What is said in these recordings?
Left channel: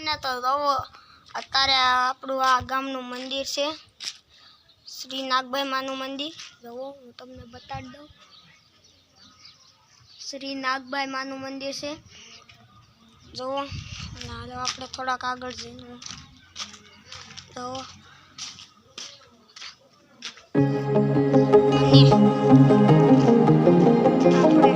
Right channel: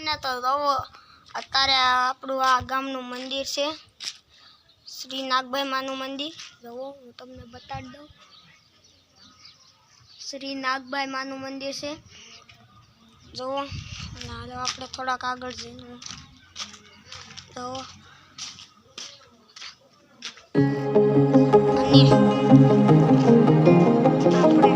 અને તો જુઓ અત્યારે આપણું આ ગામનું મંદિર છે, શ્રી નાગભાઈ માનું મંદિર. જુઓ હું તમને બતાડી દઉં, શ્રી નાગભાઈ માનું મંદિર છે. જુઓ અને હાલો આપણે થોડાક આગળ જઈને જુઓ અને આપણે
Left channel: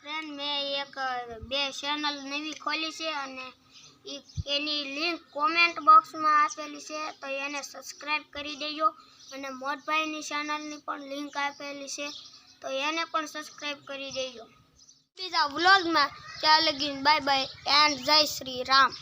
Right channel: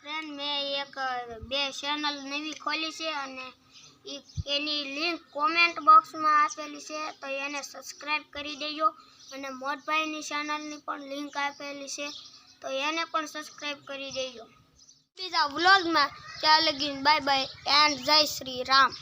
ફ્રેન્ડ મેં એક બે ચેનલ નવી ખોલી છે અને એની લિંક કોમેન્ટ બોક્સમાં આપેલી છે, તો એને સબસ્ક્રાઈબ કરી દેજો. અને મોટભાઈની ચેનલની પણ લિંક આપેલી છે, તો એને પણ સબસ્ક્રાઈબ કરી દેજો. બીજા વ્લોગમાં ત્યાં લગીને બાય બાય એન્ડ જય શ્રી રામ.